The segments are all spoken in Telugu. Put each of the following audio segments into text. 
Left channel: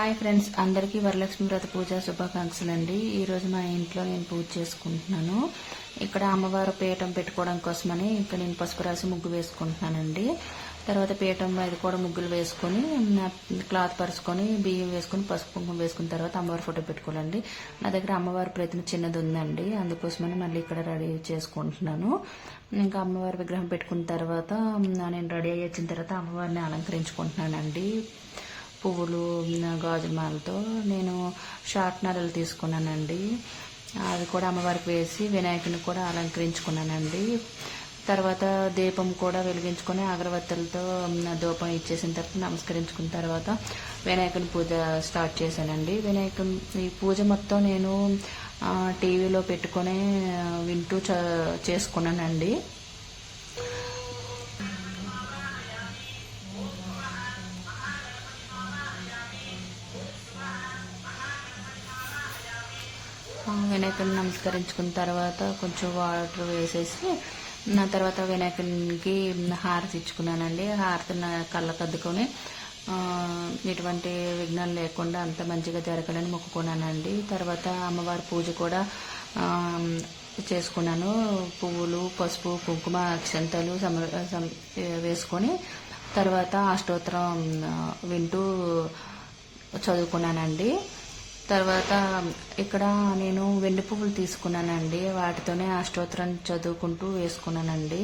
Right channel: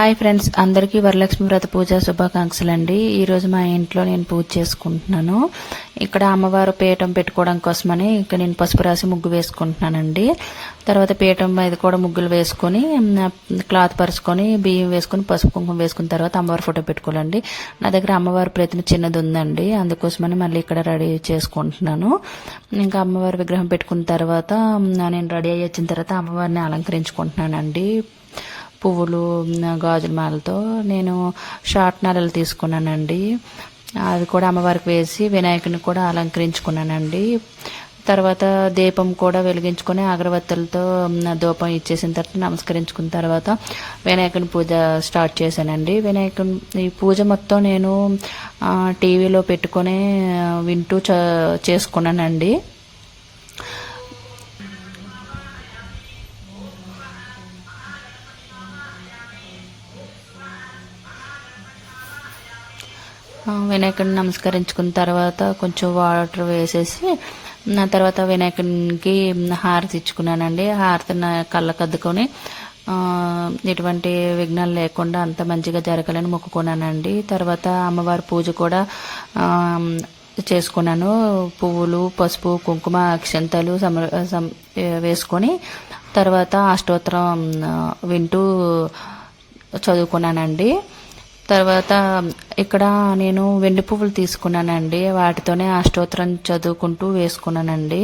హాయ్ ఫ్రెండ్స్, అందరికీ వరలక్ష్మి వ్రత పూజ శుభాకాంక్షలు అండి. ఈరోజు మా ఇంట్లో నేను పూజ చేసుకుంటున్నాను. ఇక్కడ అమ్మవారు పీఠం పెట్టుకోవడం కోసమని ఇక్కడ నేను పసుపు రాసి ముగ్గు వేసుకుంటున్నానండి. తర్వాత పీఠం మీద కూడా ముగ్గులు వేసుకొని క్లాత్ పరుచుకొని బియ్యం వేసుకొని పసుపు కుంకుమ వేసుకున్న తర్వాత అమ్మవారి ఫోటో పెట్టుకోవాలండి. నా దగ్గర అమ్మవారి ప్రతిమ చిన్నది ఉందండి, అందుకోసమని మళ్ళీ ఇక్కడ రెడీ చేసుకుంటున్నాను. ఇంకా అమ్మవారి విగ్రహం పెట్టుకున్న తర్వాత నేను రెడీ అయ్యి వచ్చిన తర్వాత అమ్మవారిని అలంకరించుకుంటున్నానండి. పువ్వులు గాజుల మాలతో నేను షార్ట్ నారలు తీసుకున్నానండి. అవి కూడా అమ్మవారికి వేసి వినాయకుని కూడా అలంకరించుకున్నానండి. తర్వాత దీపం కూడా వెలిగించుకొని అగరబత్తులతో ధూపం ఇచ్చేసిన తర్వాత నమస్కరించుకున్న తర్వాత వినాయకుని పూజ స్టార్ట్ చేశానండి. వినాయకుని ఈ పూజ మొత్తం నేను టీవీలో పెట్టుకొని వింటూ చేసుకున్నానండి. వినాయకుడిని నమస్కరించుకున్న తర్వాత కొంచెం వాటర్ వేసేసి తర్వాత వినాయకునికి హారతి ఇచ్చుకున్నానండి. హారతిని కళ్ళకు అద్దుకొని ఎటువంటి విఘ్నాలు లేకుండా అంత మంచిగా జరగాలని మొక్కుకున్నానండి. తర్వాత అమ్మవారి పూజ కూడా చేసుకున్నాను. పువ్వులు, పసుపు, కుంకుమ, అక్షంతలు వేసుకొని తర్వాత అష్టోత్తరం వింటూ చదువుకున్నానండి. తర్వాత ఇక్కడ నేను వెండి పువ్వులు తీసుకున్నానండి, వాటితోనే అష్టోత్తరం చదువుకుంటూ వేసుకున్నానండి.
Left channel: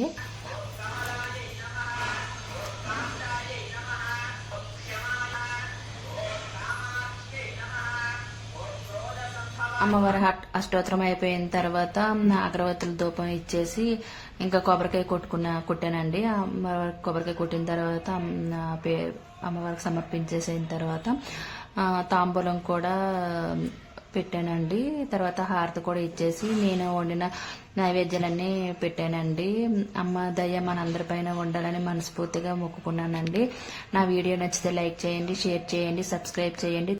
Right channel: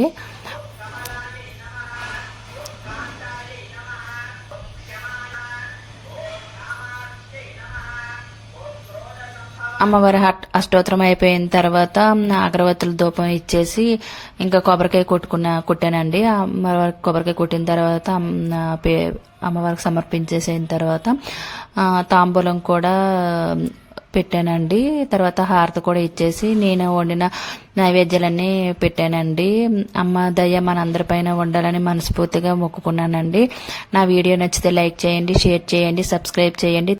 అమ్మవారి అష్టోత్తరం అయిపోయిన తర్వాత అగరవత్తుల ధూపం ఇచ్చేసి ఇంకా కొబ్బరికాయ కొట్టానండి. అమ్మవారికి కొబ్బరికాయ కొట్టిన తర్వాత అమ్మవారికి సమర్పించేసిన తర్వాత తాంబూలం కూడా పెట్టానండి. తర్వాత హారతి కూడా ఇచ్చేసి నేను వండిన నైవేద్యాలన్నీ పెట్టానండి. అమ్మ దయ మనందరిపైన ఉండాలని మనస్ఫూర్తిగా మొక్కుకున్నానండి. నా వీడియో నచ్చితే లైక్ చేయండి, షేర్ చేయండి, సబ్స్క్రైబ్ చేయండి.